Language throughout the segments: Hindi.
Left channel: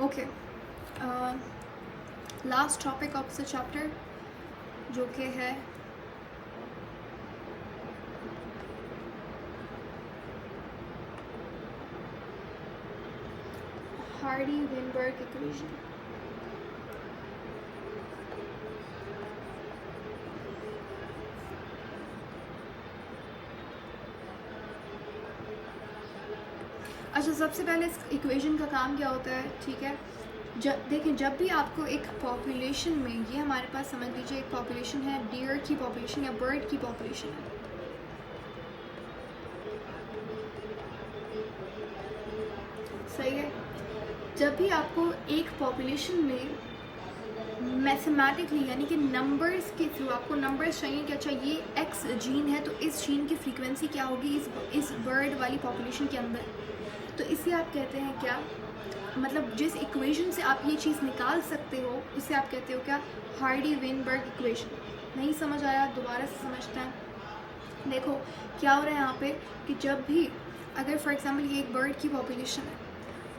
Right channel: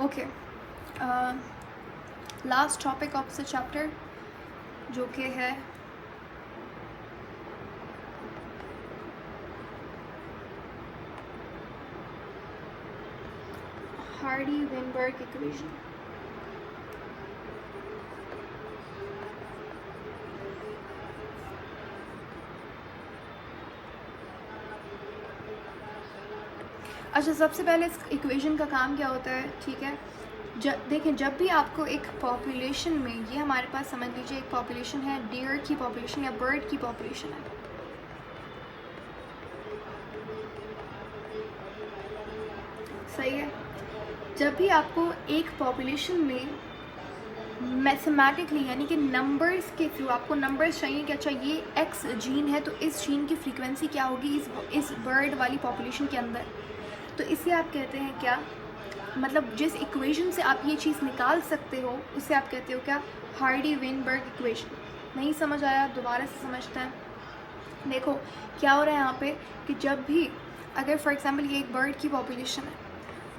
Okay, last topic of the chapter जो कि है हार्डी-वेनबर्ग इक्वेशन। अच्छा, सबसे पहले इस इक्वेशन का काम क्या होता है, ठीक है। देखें, जब भी आपको एक पॉपुलेशन में, ये हमारे पास समझ लीजिए एक पॉपुलेशन है, डियर की पॉपुलेशन या बर्ड की पॉपुलेशन है, सही है। जब भी आपको एक पॉपुलेशन में मैथमेटिकली यानी कि नंबर्स के थ्रू आपको नंबर्स चाहिए कि अच्छा ये एक्स जीन है तो इस जीन की फ्रीक्वेंसी क्या होगी इस बर्ड वाली पॉपुलेशन के अंदर, तो इसे आप कहते हैं क्या, मतलब जिस इक्वेशन से आप ये चीज़ निकाल सकते हो उसे आप कहते हो क्या, हार्डी-वेनबर्ग इक्वेशन। नहीं समझ आया, दोबारा से समझते हैं। देखो क्या हो रहा है यहाँ पे कि जब भी अगर फॉर एग्जांपल ये एक बर्ड की पॉपुलेशन है,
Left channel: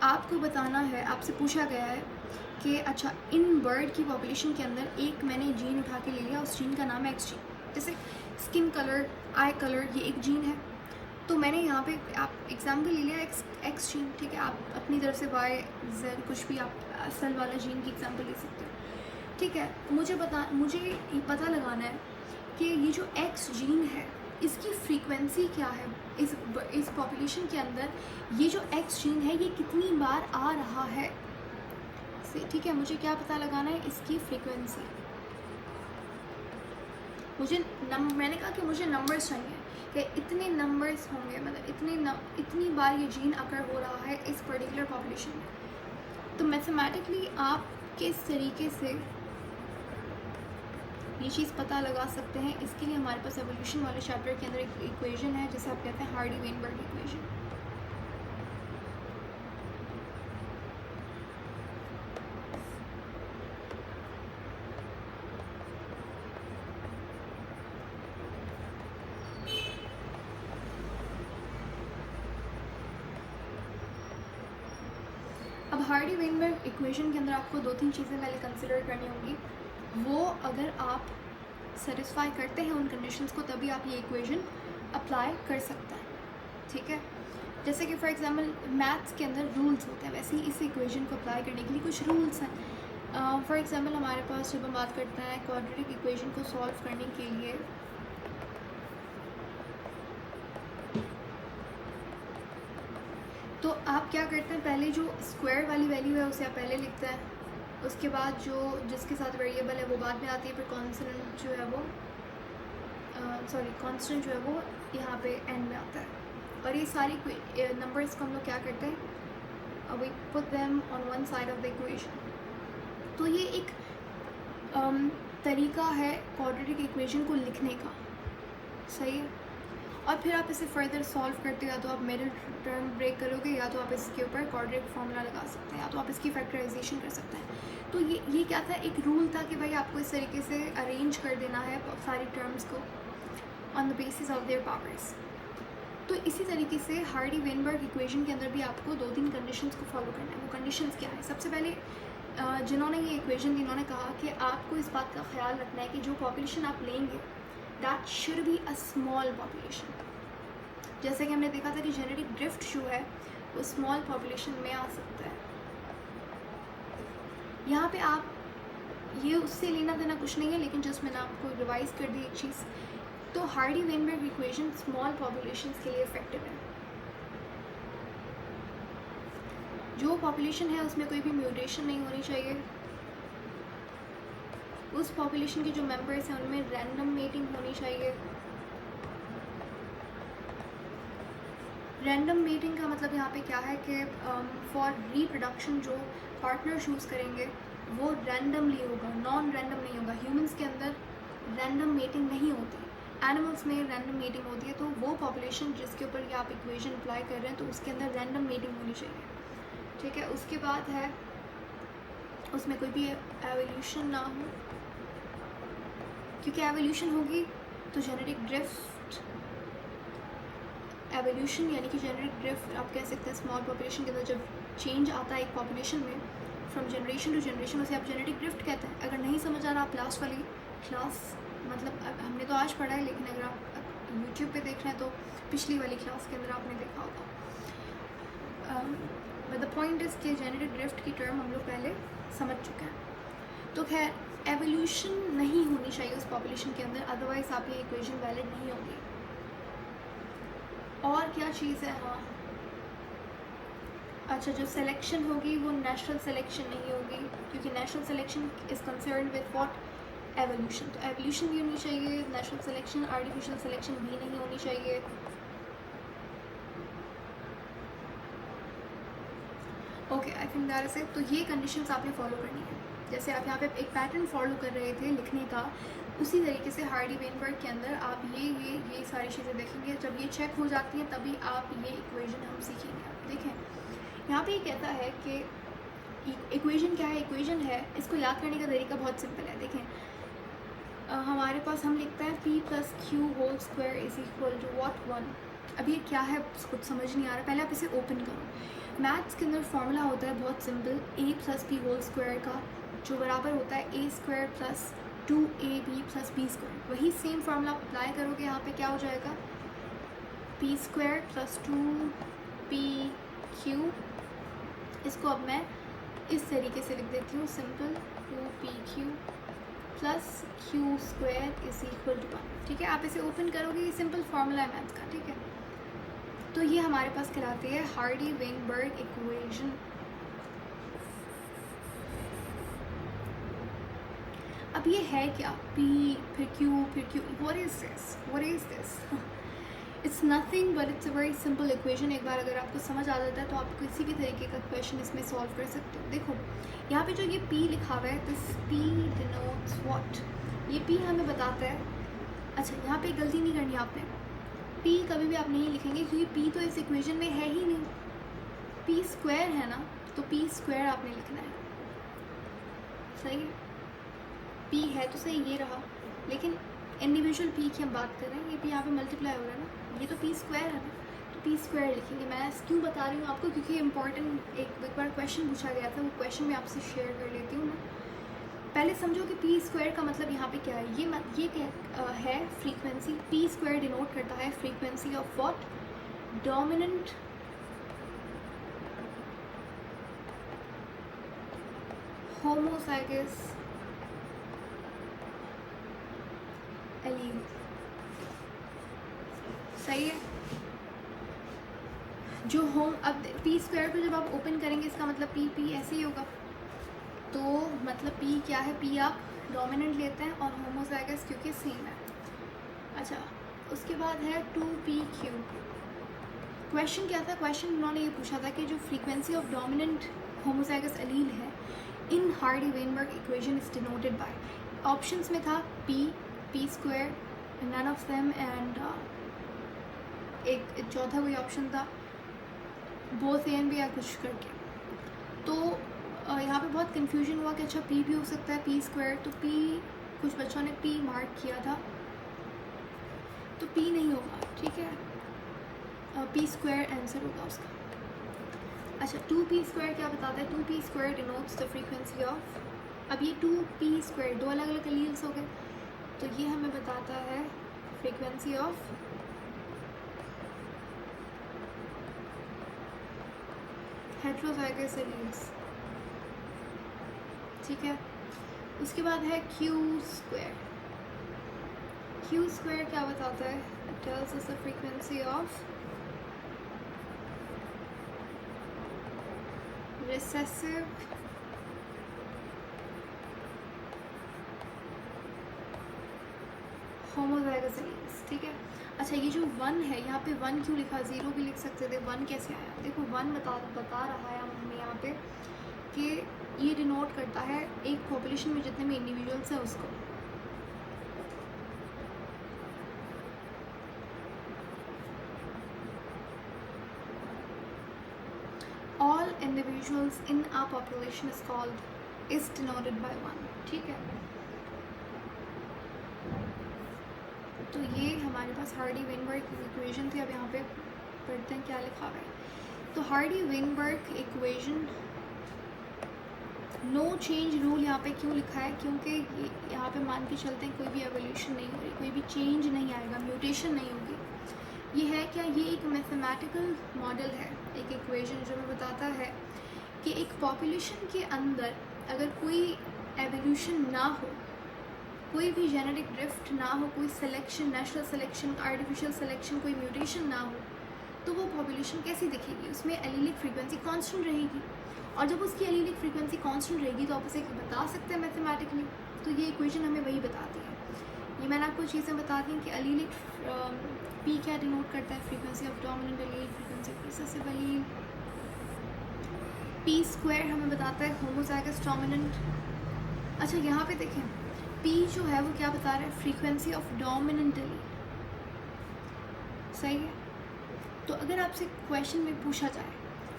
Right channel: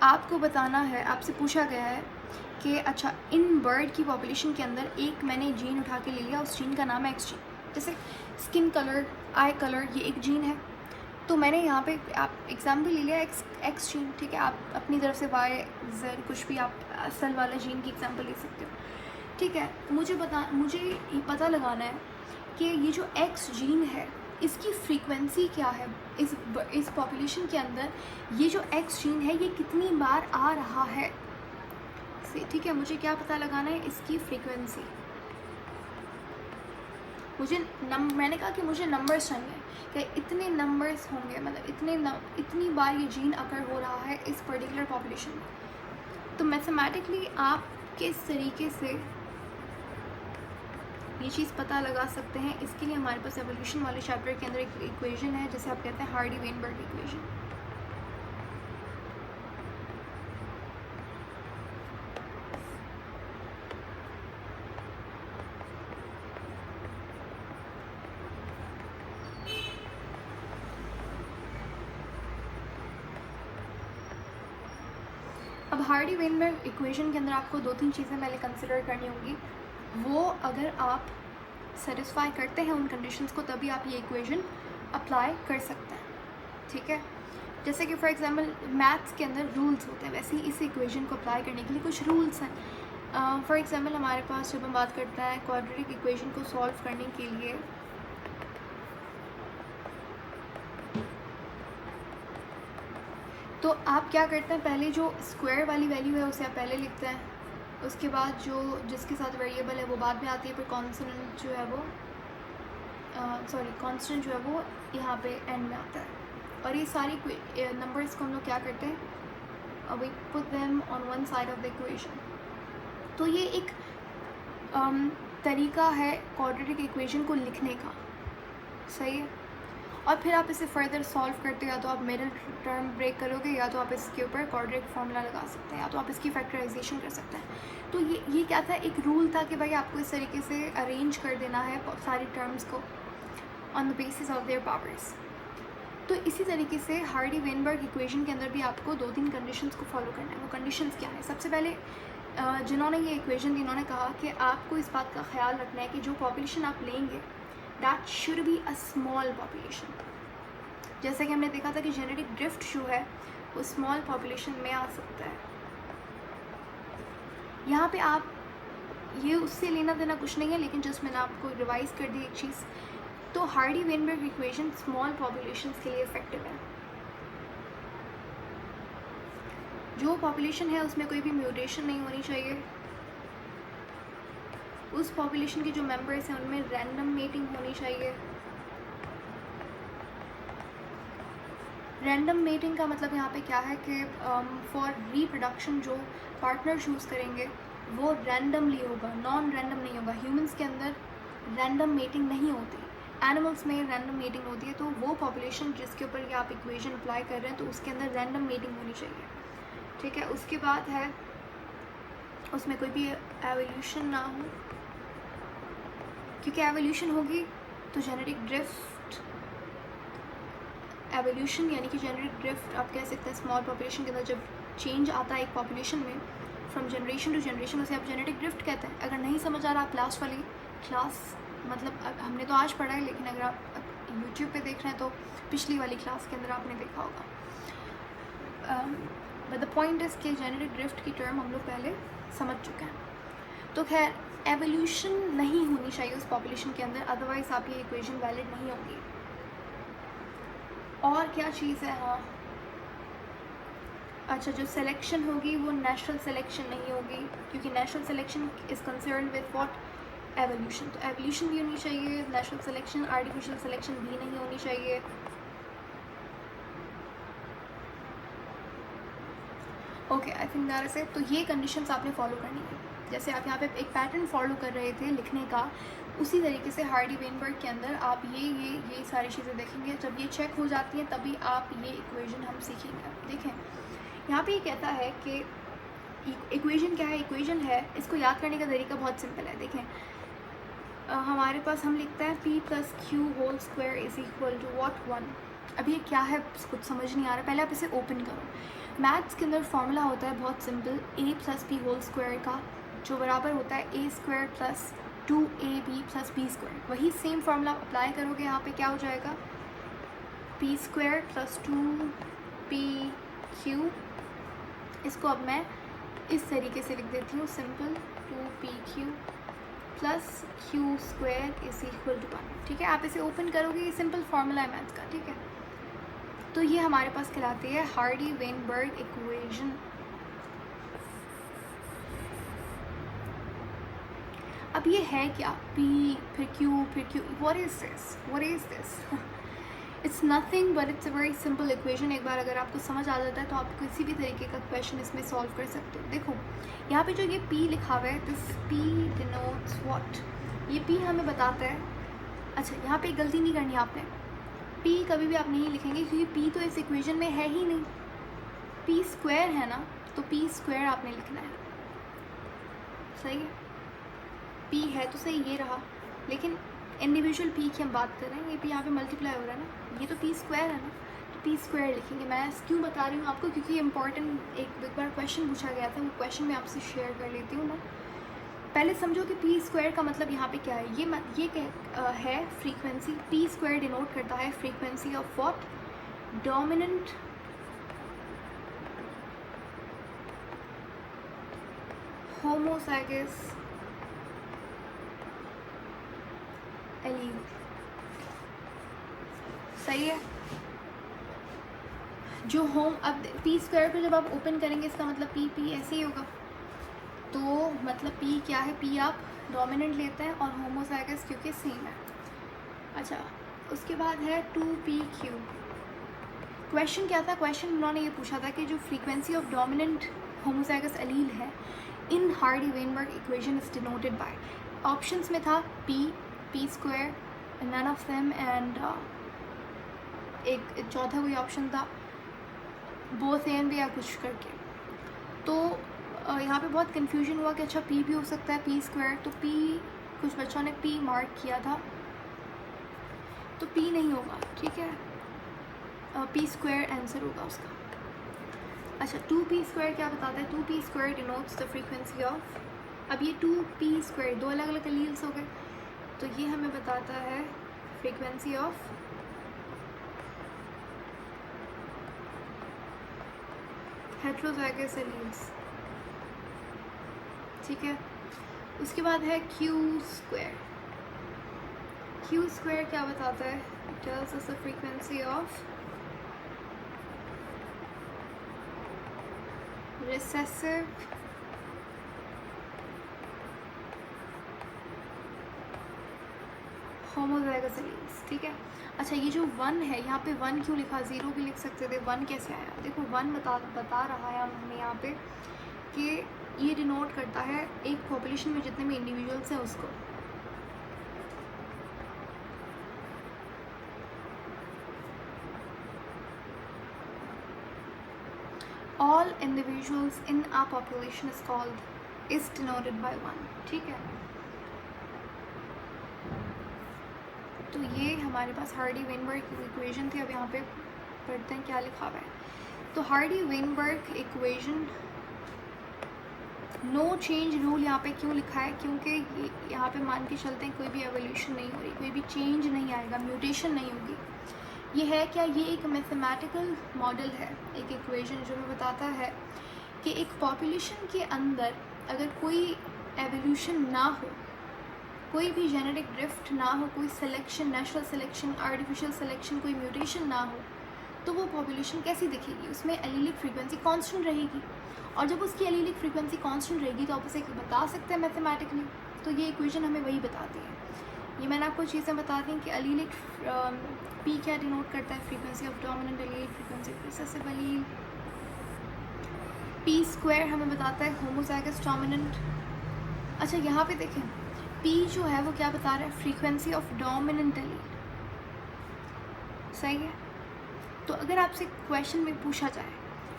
आपको बताना है, आपसे पूछा गया है कि अच्छा इन बर्ड की पॉपुलेशन के अंदर एक मैंने जीन उठा के ले लिया, उस जीन का नाम है एक्स जीन। जैसे स्किन कलर, आई कलर, ये एक जीन है, तो मैंने यहाँ पे आप एग्जाम्पल ले लिया एक्स जीन, ठीक है। आप अपनी तरफ से वाई जेड कुछ भी आप असल वाला जीन की एग्जाम्पल ले सकते हो, ठीक है। मुझे ये पता लगाना है कि ये जो एक्स जीन है इसकी फ्रीक्वेंसी क्या है इस पॉपुलेशन के अंदर, ये जो एक्स जीन है ये कितनी बार आ रहा है, ठीक है। मुझे क्या पता लगाना है, इसकी फ्रीक्वेंसी। मैंने कहा कि मुझे नंबर्स चाहिए कि इतने नंबर्स होंगे, मतलब इतनी बार ये जीन अकर हो रहा है इस पर्टिकुलर पॉपुलेशन में। तो मैथमेटिकली आप किस तरीके से ये चीज़ पता लगा सकते हैं, इसके लिए हमारे पास एवोल्यूशन वाले चैप्टर के अंदर एक इक्वेशन है जिसे आप कहते हैं हार्डी-वेनबर्ग इक्वेशन। अब हार्डी-वेनबर्ग इक्वेशन के अंदर आपको दो तीन चीज़ें पहले कंसिडर करनी होंगी, वो अगर आप सेटिस्फाई करते हैं उन कंडीशंस को तभी आप ये इक्वेशन अप्लाई कर सकते हैं, ठीक है। जैसे कि फॉर एग्जांपल मैथ्स के अंदर रूल्स होते हैं, वैसे ही इस इक्वेशन को अप्लाई करने के लिए कुछ रूल्स हैं। फॉर एग्जांपल हमारे पास जब हम बात करते हैं क्वाड्रेटिक इक्वेशन को सॉल्व करने के लिए, तो आप क्या करते हैं, पहले जो स्क्वायर वाली वैल्यू है उसे आप पहले लिखते हैं, उसके बाद जो जिसके साथ वेरिएबल है वो बाद में आती है, फिर कांस्टेंट जो है वो कांस्टेंट जो है वो यहाँ पे एंड में आता है। और ये सारी नंबर्स को हम लोग क्या करते हैं, we put them on one side of the equation. तो ये एक तरीका है क्वाड्रेटिक इक्वेशन को लिखने का, सही है। और फिर आप इसे फर्दर सॉल्व करते हो, या तो आप मिडिल टर्म ब्रेक करोगे, या तो आप इसके ऊपर क्वाड्रेटिक फार्मूला लगा सकते हैं, या तो आप इसकी फैक्टराइजेशन कर सकते हैं। तो ये क्या था, एक रूल था कि भाई आपको इस तरीके से अरेंज कर देना है सारी टर्म्स को on the basis of their powers. तो इसी तरीके से हार्डी-वेनबर्ग इक्वेशन के अंदर भी आपको दो तीन कंडीशंस को फॉलो करना है। वो कंडीशंस क्या है, सबसे पहले जिन्होंने ये इक्वेशन दी उन्होंने कहा कि आपको इस बात का ख्याल रखना है कि जो पॉपुलेशन आप लेंगे that should be a small population. जैसे कि हमने देखा था कि जेनेटिक ड्रिफ्ट जो है वो स्मॉल पॉपुलेशन में आ सकता है। यहाँ पे आप ये उससे लेना देना कुछ नहीं है, लेकिन जस्ट मैंने आपको रिवाइज कर दी एक चीज़। तो हार्डी-वेनबर्ग इक्वेशन स्मॉल पॉपुलेशंस के लिए इफेक्टिव है। जो पॉपुलेशन है उसमें कोई भी म्यूटेशन नहीं होनी चाहिए, उस पॉपुलेशन के जो मेंबर्स हैं उनमें रैंडम मेटिंग होनी चाहिए। रैंडम मेटिंग का मतलब यहाँ पे क्या है कि फॉर रिप्रोडक्शन जो पार्टनर चूज़ करेंगे वो रैंडमली होगा, नॉन रैंडम नहीं होगा। ह्यूमंस के अंदर रैंडम मेटिंग नहीं होती, एनिमल्स में रैंडम मेटिंग होती है। तो वो पॉपुलेशन जिसके ऊपर ये आप इक्वेशन अप्लाई कर रहे हैं तो उसके अंदर रैंडम मेटिंग होनी चाहिए, ठीक है। उसके बाद है उसमें कोई भी एवोल्यूशन ना हो, क्योंकि एवोल्यूशन होगी तो जेनेटिक ड्रिफ्ट, एवोल्यूशन यानी कि जेनेटिक ड्रिफ्ट आप कह सकते हैं स्मॉल पॉपुलेशन के अंदर जब चेंज आता है एक पॉपुलेशन में फ्रॉम जनरेशन टू जनरेशन, उसे आप जेनेटिक ड्रिफ्ट कहते हैं। अगर नहीं समझ आ रहा, आप लास्ट वाली क्लास, मतलब हमने तो आज पढ़ा है, लेकिन अगर आप यूट्यूब पे देख रहे हैं तो पिछली वाली क्लास के अंदर आपने देखा होगा। बट द पॉइंट इज़ कि जेनेटिक ड्रिफ्ट की टर्म हम लोग पहले समझ चुके हैं। तो खैर, एवोल्यूशन नहीं होनी चाहिए उस पॉपुलेशन के अंदर, अदरवाइज आपकी इक्वेशन वैलिड नहीं होगी। और क्या चीज़ है, हाँ अच्छा, जो सिलेक्शन होगी वो नेचुरल सिलेक्शन नहीं होगी, क्योंकि natural selection is concern with what, evolution. तो एवोल्यूशन भी होनी चाहिए, नेचुरल सिलेक्शन, आर्टिफिशियल सिलेक्शन भी नहीं होनी चाहिए। Okay, I think that is it. तो ये कंडीशंस आपने फॉलो करनी है। जैसे आप यहाँ पे एक पैटर्न फॉलो कर रहे थे लिखने का, उसी तरीके से हार्डी वेनबर्ग के अंदर आप ये सारी चीज़ें देखेंगे। जब ये चेक हो जाती हैं तभी आप ये इक्वेशन हम सीखेंगे। देखें, यहाँ पे ये कहता है कि इक्वेशन क्या है। इक्वेशन है, इसको याद करने का तरीका बहुत सिंपल है। देखें, हमारे पास हम लिखते हैं p + q whole square is equal to what, 1। अब ये क्या है कुछ समझ नहीं आ रहा, पहले आप इसे ओपन करो। मैथ्स के अंदर फॉर्मूला होता है बहुत simple, a + p whole square का, जो बराबर होता है a² + 2ab + b²। वही सेम फार्मूला अप्लाई करोगे यहाँ पे, क्या हो जाएगा, p² + 2pq। इसको अब मैं इस तरीके से लिख देती हूँ, simple, 2pq + q² is equal to 1। ठीक है, आप इसे ओपन करोगे, ये सिंपल फार्मूला है मैथ्स का। ठीक है, तो ये हमारे पास कहलाती है हार्डी वेनबर्ग इक्वेशन। अब ये है क्या, p फिर q, what is this it's nothing but it's a very simple equation. एक बार अगर आपको समझ आ जाता है तो आप किसी भी तरीके का क्वेश्चन इसमें सॉल्व कर सकते हो। देखो, यहाँ पे जो ये p लिखा हुआ है, दिस p डिनोट्स व्हाट, ये p हमें बताता है। अच्छा, यहाँ पे गलती नहीं करनी आपने, p कभी भी आप नहीं लिखेंगे क्योंकि p तो इस इक्वेशन में है ही नहीं। p² है ना, तो p² आपने लिखना है। सही है, p है तो सही, ये रहा, लेकिन इंडिविजुअल p की हम बात कर रहे हैं। ये p यहाँ पे मल्टीप्लाई हो रहा है ना, ये तो p² है ना, तो p² लिखेंगे। मैं क्यों बता रही हूँ आपको, क्योंकि इंपॉर्टेंट एक बार क्वेश्चन पूछा गया था, वो क्वेश्चन मैं आपसे शेयर कर लेती हूँ ना। पहले समझो कि p² का मतलब यहाँ पे क्या है। ये क्या है, फ्रीक्वेंसी। p² डिनोट करता है frequency of what, dominant homozygous allele. सही है, जो होम, अब p² को जब आप ओपन करेंगे, इसका मतलब p ऐसे ही होगा। तो मतलब p क्या है, p आप डोमिनेंट लेते हैं और होमोजाइगस क्योंकि सेम है। अच्छा, उसके बाद है 2pq। क्वेश्चन क्या था, क्वेश्चन उन्होंने ये पूछा था कि जो frequency of dominant homozygous allele है in Hardy Weinberg equation is denoted by, options में था p², none of them, and एक चौथा कोई ऑप्शन था बोथ ए एंड बी या कुछ करके। तो यहाँ पे बहुत कंफ्यूजन हुआ कि अच्छा p भी हो सकता है, p²। तो p, कुछ बच्चों ने p मार्क किया था, तो p नहीं होगा। ठीक है, p² आंसर होगा उसका। अच्छा, 2p² क्या बताता है, 2p² denotes the frequency of, अब ये 2p², दो अलग अलग एलील्स हो गए, तो ये हमें बताता है फ्रीक्वेंसी ऑफ हेट्रोजाइगस एलील्स। ठीक है, उसके बाद है q²। q² क्या बताता है, tells us the frequency of recessive homozygous alleles. ठीक है, अच्छा, ये जो 1 है, यहाँ पे 1 क्यों लिखा, 0 भी लिख सकते थे, 1 कैसे आया। देखो 1 बता रहा है हमें यहाँ पे कि ये डिनोट करता है एक पॉपुलेशन में जितने भी इंडिविजुअल्स हैं उसको। All individuals in a population is called, is denoted by 1। ठीक है, तो ये हमारे पास हार्डी वेनबर्ग इक्वेशन थी। अब यहाँ पे पढ़ते हैं क्या लिखा हुआ है। तो Hardy Weinberg equation no change rule यहाँ पे क्यों लिखा है? क्योंकि यहाँ पे मान के चलते हैं कोई भी एवोल्यूशन नहीं हो रही, कोई भी चेंज नहीं आएगा, म्यूटेशन नहीं होगी। ये है क्या? ये एक मैथमेटिकल मॉडल है, एक इक्वेशन जो हमें बताता है कि एक पॉपुलेशन के अंदर अगर कोई एवोल्यूशन ना हो, कोई भी जेनेटिक ड्रिफ्ट ना हो, कोई selection, natural selection, artificial selection, कोई म्यूटेशन ना हो, तो वो पॉपुलेशन कैसी दिखेगी? उसमें एलीलिक फ्रीक्वेंसी कांस्टेंट रहेगी, और जब उसकी एलीलिक फ्रीक्वेंसी कांस्टेंट रहेगी तो आप उसे बता सकते हैं मैथमेटिकली। तो ये इक्वेशन हमें वही बताती है। ये मैंने आपको चीज़ें बता दी कि एलीलिक पी क्या डिनोट करता है? Frequency of dominant allele, frequency of recessive allele. P square हमें बताता है होमोजाइगस डोमिनेंट। अच्छा, यहाँ पे देखें, पी जो है वो क्या बता रहा है? Frequency of dominant allele. सही है। तो अगर आपसे क्वेश्चन में पूछा जाए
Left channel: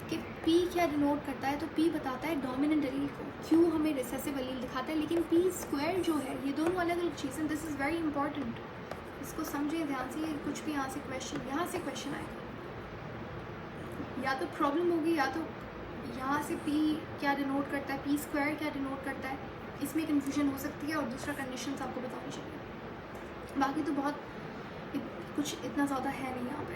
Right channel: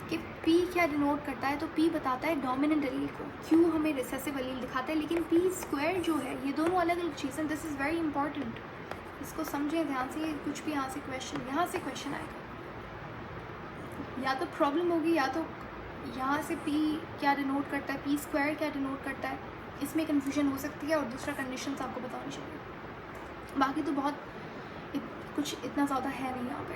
कि पी क्या डिनोट करता है, तो पी बताता है डोमिनेंट एलील को, क्यू हमें रिसेसिव एलील दिखाता है। लेकिन पी स्क्वायर जो है, ये दोनों अलग अलग चीज़ें। दिस इज़ वेरी इंपॉर्टेंट, इसको समझें ध्यान से। कुछ भी यहाँ से क्वेश्चन आएगा, या तो प्रॉब्लम होगी, या तो यहाँ से पी क्या डिनोट करता है, पी स्क्वायर क्या डिनोट करता है, इसमें कन्फ्यूजन हो सकती है। और दूसरा कंडीशंस आपको बतानी चाहिए। बाकी तो बहुत कुछ इतना ज़्यादा है नहीं यहाँ पे।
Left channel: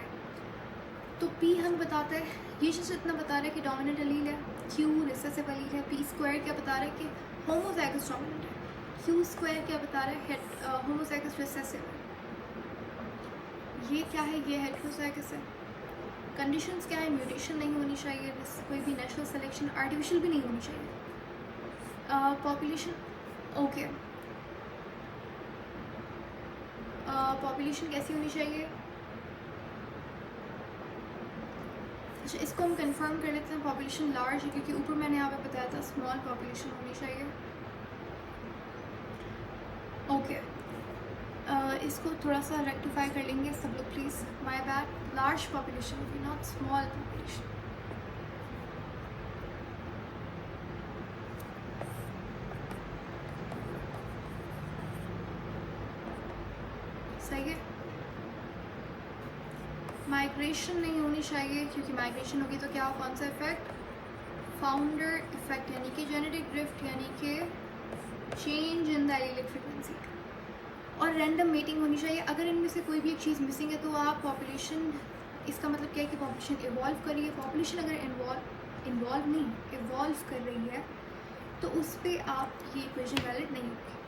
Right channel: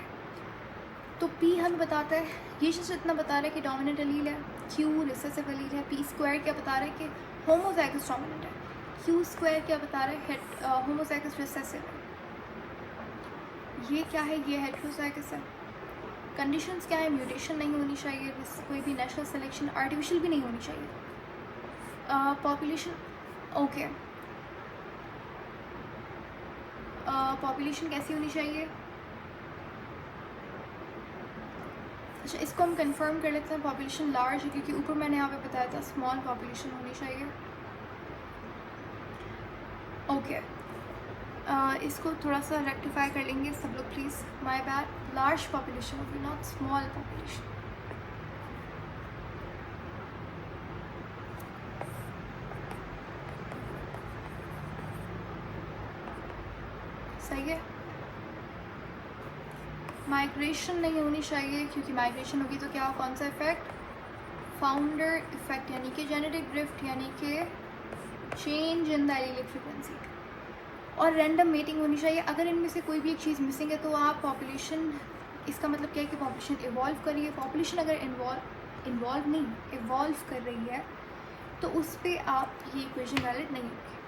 तो पी हमें बताता है, ये चीज़ इतना बता रहा है कि डोमिनेंट एलील है, क्यू रिसेसिव एलील है। पी स्क्वायर क्या बता रहा है कि होमोजाइगस डोमिनेंट है। क्यू स्क्वायर क्या बता रहा है? होमोजाइगस रिसेसिव है। ये क्या है? ये हेटेरोजाइगस है। कंडीशंस क्या है? म्यूटेशन नहीं होनी चाहिए, कोई भी नेचुरल सिलेक्शन, आर्टिफिशियल भी नहीं होनी चाहिए। पॉपुलेशन ओके, पॉपुलेशन कैसी होनी चाहिए? अच्छा, इसको हम कंफर्म कर लेते हैं। पॉपुलेशन लार्ज है, क्योंकि ऊपर मैंने यहाँ पे बताया था स्मॉल पॉपुलेशन होनी चाहिए। ओके, इसको थोड़ा सा रेक्टिफाई कर लेंगे सब लोग please, my bad. Large population होगी, नॉट स्मॉल पॉपुलेशन। सही है। माइग्रेशन नहीं होनी चाहिए, क्योंकि माइग्रेशन होगी तो क्या हो? कौन सा इफेक्ट? फाउंडर इफेक्ट, यानी कि जेनेटिक ड्रिफ्ट, यानी कि change in the allelic frequency. और रैंडम मीटिंग होनी चाहिए। अगर इनमें से कोई भी एक चीज़ मिसिंग है तो आप पॉपुलेशन, इसका मतलब क्या है कि पॉपुलेशन इवॉल्व कर रही है। पॉपुलेशन अगर इवॉल्व कर रही है तो उस पर आप ये इक्वेशन वैलिड नहीं होगी।